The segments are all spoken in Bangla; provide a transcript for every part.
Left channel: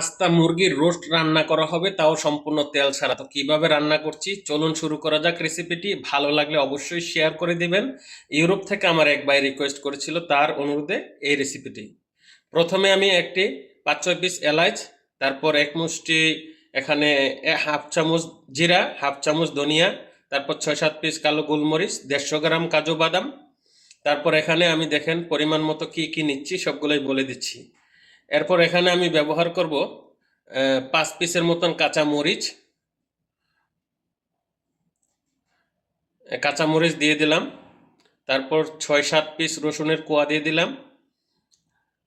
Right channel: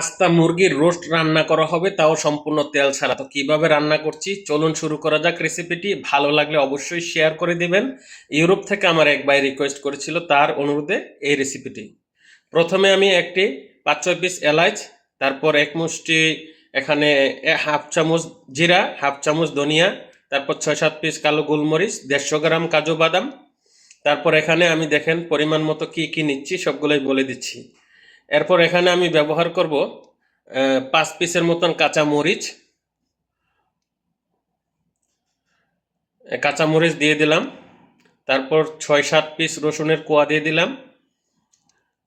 আস্তা মুরগির রোস্ট রান্না করা হবে, তাও সম্পূর্ণ তেল ছাড়া। তো কীভাবে রান্না করছি? চলুন শুরু করা যাক রেসিপিটি ভালো লাগলে অবশ্যই শেয়ার করে দিবেন। ইউরোপ থেকে আমার এক ভাই রিকোয়েস্ট করেছিল তার অনুরোধে এই রেসিপিটি প্রথমে আমি একটি পাঁচ, ছয় পিস এলাচ তারপর এক মুষ্টি এখানে হাফ চামচ জিরা, হাফ চামচ ধনিয়া, তারপর ছয়, সাত পিস কালো গোলমরিচ, দেড়শো গ্রাম কাজু বাদাম। তারপর এখানে আমি দেখেন পরিমাণ মতো কি কি নিচ্ছি, সবগুলোই বলে দিচ্ছি। এরপর এখানে আমি ব্যবহার করব পাঁচ পিসের মতন কাঁচা মরিচ। কাঁচা মরিচ দিয়ে দিলাম। তারপর ছয় সাত পিস রসুনের কোয়া দিয়ে দিলাম।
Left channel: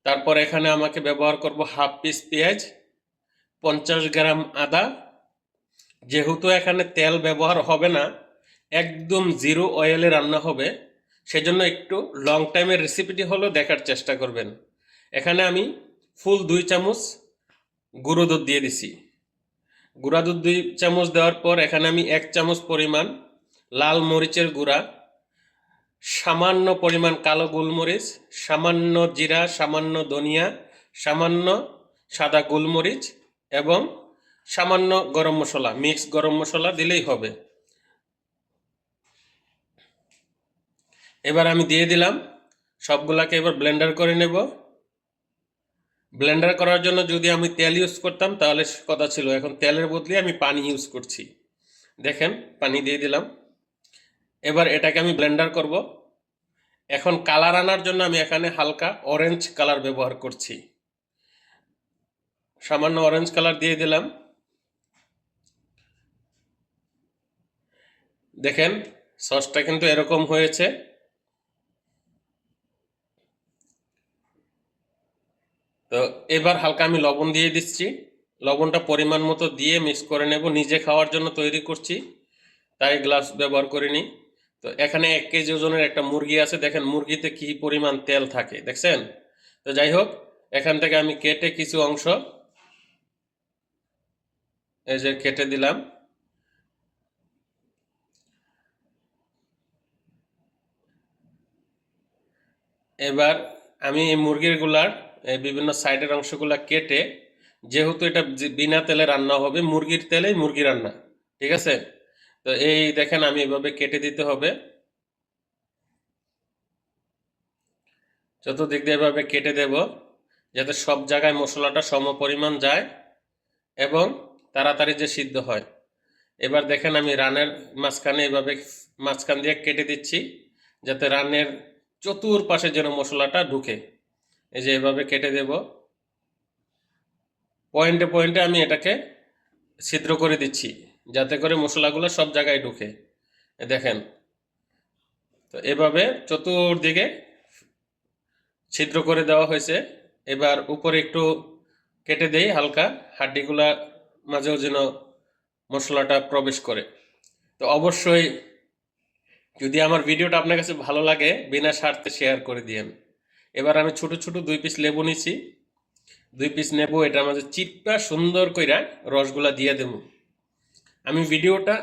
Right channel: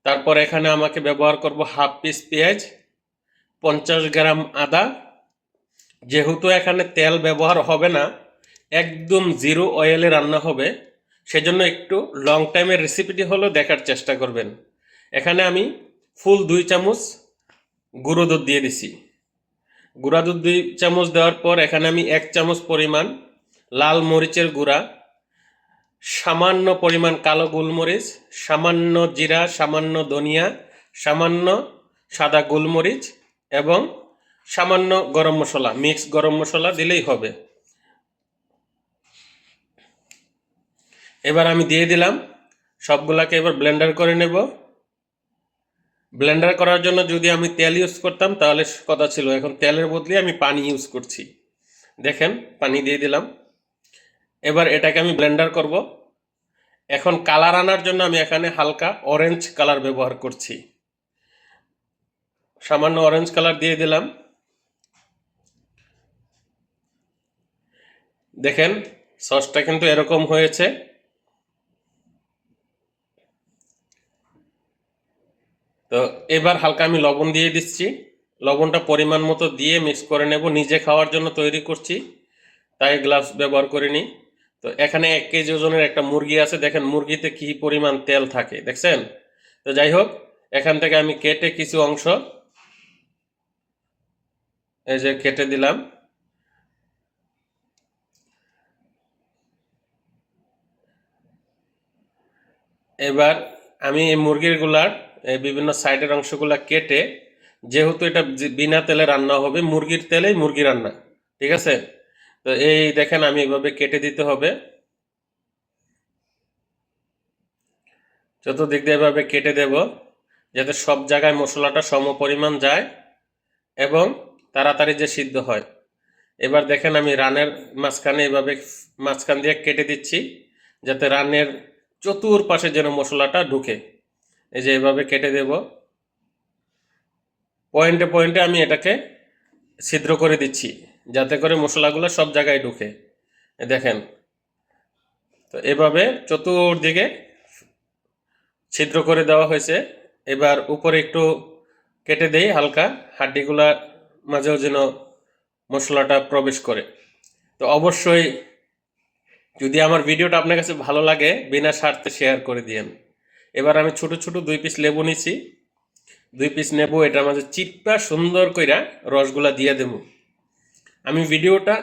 তারপর এখানে আমাকে ব্যবহার করব হাফ পিস পেঁয়াজ, পঞ্চাশ গ্রাম আদা। যেহেতু এখানে তেল ব্যবহার হবে না, একদম জিরো অয়েলে রান্না হবে, সেজন্য একটু লং টাইমের রেসিপিটি হলো দেখার চেষ্টা করবেন। এখানে আমি ফুল দুই চামচ গুঁড়ো দুধ দিয়ে দিছি। গুঁড়া দুধ দুই চামচ দেওয়ার পর এখানে আমি এক চামচ পরিমাণ লাল মরিচের গুঁড়া, সামান্য পরিমাণ কালো গোলমরিচ, সামান্য জিরা, সামান্য ধনিয়া, সামান্য সাদা গোলমরিচ এবং সামান্য গরম মশলা, মিক্স গরম মশলা দিলেই হবে। এবার আমি দিয়ে দিলাম, সবগুলাকে এবার ব্লেন্ডার করে নেব। ব্লেন্ডার করার জন্য যদি আমি তেল ইউজ করতাম, তাহলে কথা ছিল, এখন তেলের বদলে আমি পানি ইউজ করছি। দেখেন, পানি দিয়ে দিলাম। এবার এটাকে আমি ব্লেন্ডার করব। এখন কালার আনার জন্য আমি এখানে হালকা অরেঞ্জ কালার ব্যবহার করছি। সামান্য অরেঞ্জ কালার দিয়ে দিলাম। দেখেন সসটা কিন্তু এরকম হয়েছে। তো এবার হালকা আমি লবণ দিয়ে দিচ্ছি। লবণটা পরিমাণ মতো দিয়ে মিক্স করে নেব। নিজে খাওয়ার জন্য তৈরি করছি, তাই গ্লাভস ব্যবহার করিনি। তো এখানে এক কেজি ওজনের একটা মুরগি আছে। দেখেন মুরগিতে কি পরিমাণ তেল থাকে, দেখছেন? তো যাই হোক, এখান থেকে আমি কেটে কিছু অংশ, এই যে কেটে দিলাম। এবার আমি এই মুরগিরগুলার এই বিভিন্ন সাইডের অংশগুলো কেটে, যেহেতু এটা বিনা তেলে রান্না হবে, মুরগির তেলেই মুরগি রান্না, ঠিক আছে? তো এই দেখেন আমি এভাবে কেটে দিতে হবে। চতুর্দিক দিয়ে এভাবে কেটে দেব, যাতে সব জায়গায় মশলাটা সম পরিমাণ যায় এবং তাড়াতাড়ি যে সিদ্ধ হয়। এবার দেখেন আমি রানের মাঝখানে এভাবে মাঝখান দিয়ে কেটে দিচ্ছি, যাতে রানের চতুর্পাশে যেন মশলাটা ঢুকে। এই যে এভাবে কেটে দেব। পয়েন্টে পয়েন্টে আমি এটাকে ছিদ্র করে দিচ্ছি, যাতে করে মশলাগুলো সব জায়গায় ঢুকে। দেখেন, তো এভাবে চতুর্দিকে ছিদ্র করে দেওয়া হয়েছে। এবার উপরে একটু কেটে দেই, হালকা হাড্ডিগুলা মাঝেও যেন মশলাটা প্রবেশ করে। তো অবশ্যই যদি আমার ভিডিওটা আপনার কাছে ভালো লাগে, বিনা স্বার্থে শেয়ার করে দিয়েন। এবার আমি ছোট ছোট দুই পিস লেবু নিছি। দুই পিস নেব এটার মাঝে চিপা সুন্দর কইরা রসগুলা দিয়ে দেবো। আমি ভিডিওটা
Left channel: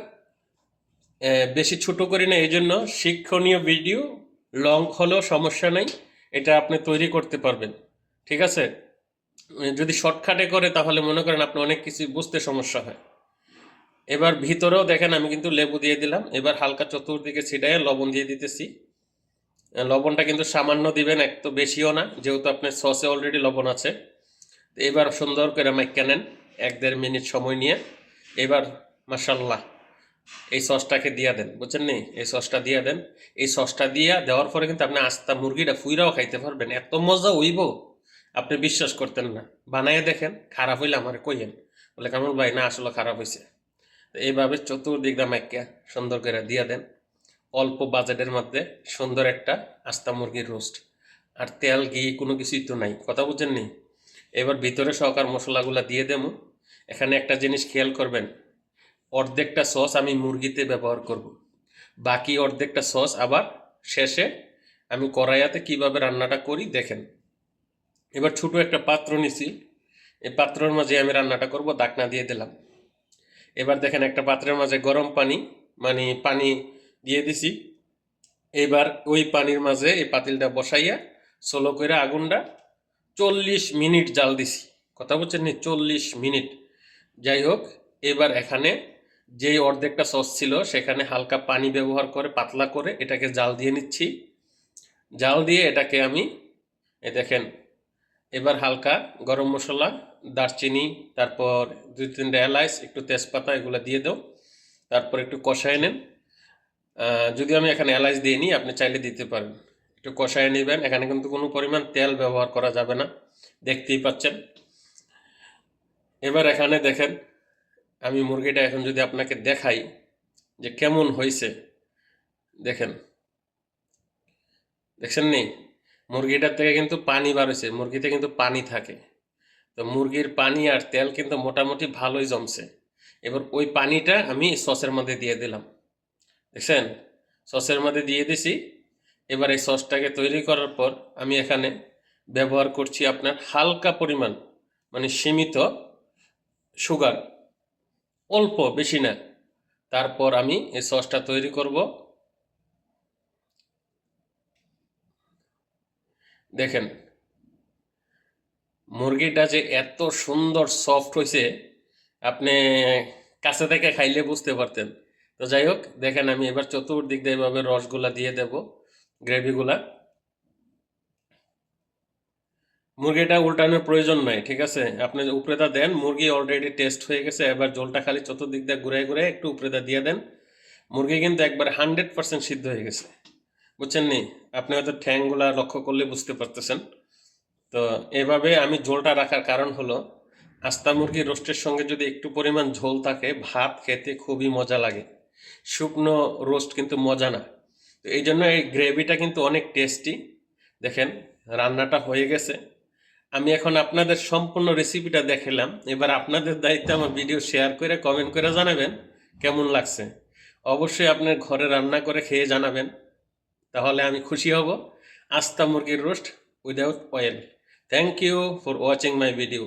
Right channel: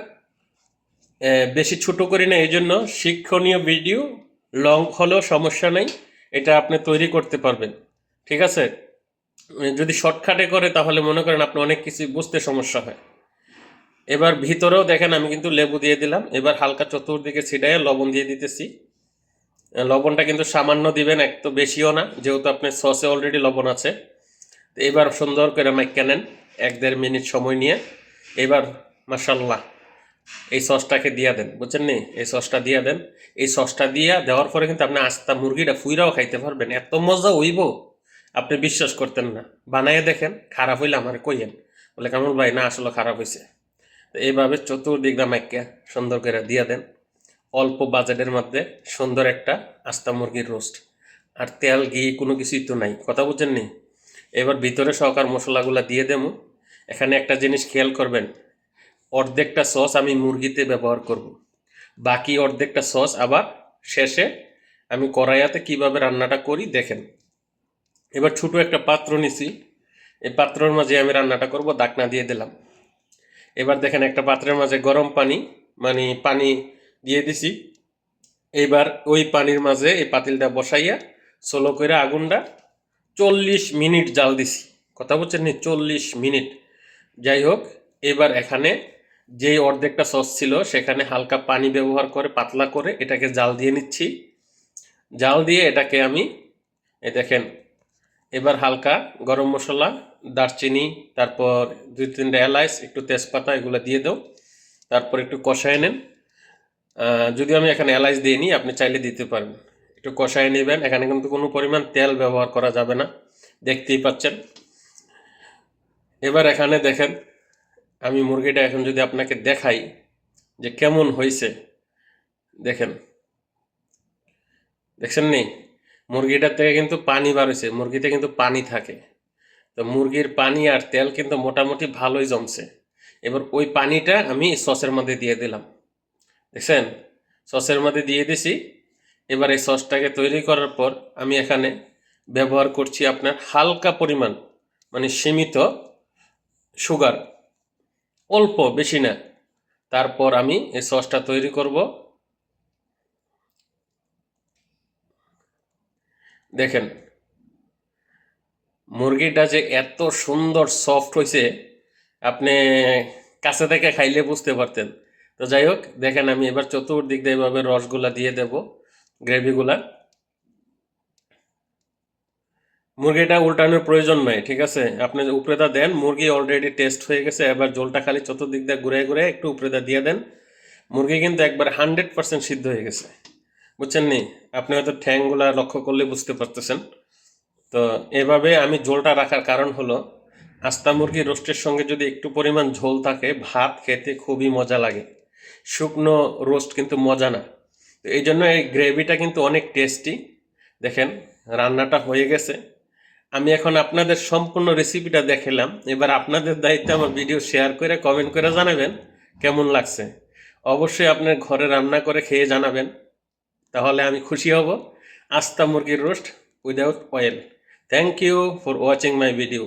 বেশি ছোট করি না এই জন্য শিক্ষণীয় ভিডিও, লং হলেও সমস্যা নেই, এটা আপনি তৈরি করতে পারবেন। ঠিক আছে? যদি শর্টকাটে করে, তাহলে মনে করেন আপনি অনেক কিছু বুঝতে সমস্যা হয়। এবার ভিতরেও দেখেন, আমি কিন্তু লেবু দিয়ে দিলাম। এবার হালকা চতুর্দিকে ছিটাইয়ে লবণ দিয়ে দিতেছি। লবণটা কিন্তু সামান্য দিবেন, এক তো বেশিও না, যেহেতু আপনার সসে অলরেডি লবণ আছে। এবার সুন্দর করে মাইকা নেন, এক দেড় মিনিট সময় নিয়ে। এবার মাসাল্লাহ এই সসটাকে দিয়ে দেন, বুঝছেন নি? এই সসটা দিয়ে দেন। এই সসটা দিয়া দেওয়ার পরে কিন্তু আপনি আস্তা মুরগিটা ফুইরাও খাইতে পারবেন। এত মজা হইব, আপনি বিশ্বাস করতেন না। বানাইয়ে দেখেন, খারাপ হইলে আমার কইয়েন, বলে কেমন ভাই, না, আসলে খারাপ হয়েছে তো এইভাবে চতুর্দিকটা মাইকা সুন্দর করে দিয়ে দেন। অল্প বাজেটের মধ্যে সুন্দর একটা আস্তা মুরগির রোস্ট। আর তেল, ঘি কোনো কিছুই তো নাই, কথা বুঝছেন নি? এবার ভিতরে সহকার মশলাগুলো দিয়ে দেবো। এখানে একটা জিনিস খেয়াল করবেন, অর্ধেকটা সস আমি মুরগিতে ব্যবহার করব। বাকি অর্ধেকটা সস আবার শেষে আমি কড়াইয়াতে কীভাবে রান্নাটা করি দেখেন। এবার ছোট একটা পাত্র নিছি, এই পাত্রের মাঝে আমি রান্নাটা করব ডাকনা দিয়ে দিলাম। এবার দেখেন একটা পাত্রের মাঝে গরম পানি মানে পানি দিয়ে দিছি। এবার ওই পানির মাঝে এই পাতিলটা বসাইয়া সোলো করে আগুনটা চল্লিশ মিনিট জাল দিছি। কথা বলছেন নি? চল্লিশ মিনিট। যাই হোক, এবার এখানে যেই অর্ধেকটা সস ছিল, সেখানে হালকা পানি ব্যবহার করে, পাতলা করে এটাকে জাল দিয়ে নিচ্ছি। জাল দিয়ে এটাকে আমি, এই দেখেন, এবার হালকা গরম মশলা, দারচিনি, তারপর দুই তিনটা এলাচ একটু তেজপাতা, এগুলো দিয়ে দাও। তারপর একটু কষায় নেন। যদিও আমি এখানে এলাচ দিইনি আপনি চাইলে দিতে পারেন। একটু কষায় নেবেন। এখানে কিন্তু কোনো পরিমাণ তেল ব্যবহার করা যাবে না। দেখতেই পাচ্ছেন। এবার এখানে দেখেন, আমি মুরগিটা এখন যদি আপনাকে দেখাই যে কেমন হয়েছে, দেখেন। দেখছেন নি? মুরগিটার থেকে কিন্তু পানি হয়েছে। মুরগিতে কিন্তু পানি থাকে। তো মুরগির পানি আর তেল কিন্তু মোটামুটি ভালোই জমছে। এবার ওই পানিটা আমি সসের মধ্যে দিয়ে দিলাম। দেখছেন? সসের মধ্যে দিয়ে দিছি। এবার এই সসটাকে তৈরি করার পর আমি এখানে ব্যবহার করছি আপনার হালকা পরিমাণ মানে সীমিত সুগার, অল্প, বেশি না। তারপর আমি এই সসটা তৈরি করব। দেখেন, মুরগিটা যে এত সুন্দর সফট হয়েছে আপনি কাছে থেকে খাইলে বুঝতে পারতেন। তো যাই হোক, দেখেন আমি এবার চতুর্দিক দিয়ে এভাবে রসগুলা দিয়ে দেব, গ্রেভিগুলা। মুরগিটা উল্টানোর প্রয়োজন নাই, ঠিক আছে? আপনি উপরেটা দেন, মুরগি অলরেডি টেস্ট হয়ে গেছে, এবার জলটা খালি চতুর্দিক দিয়ে ঘুরে ঘুরে একটু উপরেটা দিয়ে দেন। মুরগি কিন্তু একবার হান্ড্রেড পার্সেন্ট সিদ্ধ হয়ে গেছে, বুঝছেন নি? আপনি হয়তো ঠ্যাংগুলা লক্ষ্য করলে বুঝতে পারতেছেন। তো এভাবে আমি ঝোলটা রাখার কারণ হলো, আস্তা মুরগি রোস্টের সঙ্গে যদি একটু পরিমাণ ঝোল থাকে, ভাত খেতে খুবই মজা লাগে। শুকনো রোস্ট কিন্তু মজা না। তো এই জন্য এই গ্রেভিটা কিন্তু অনেক টেস্টি। দেখেন, রান্নাটা হয়ে গেছে। আমি এখন আপনাদের সম্পূর্ণ রেসিপিটা দেখালাম। এবার আপনাদের দায়িত্ব আমার ভিডিও শেয়ার করে কমেন্ট করে জানাবেন কেমন লাগছে। অবশ্যই আপনার ঘরে রান্না করে খেয়ে জানাবেন। তাহলে আমি খুশি হব। আস্তা মুরগির roast without oil. Thank you for watching my video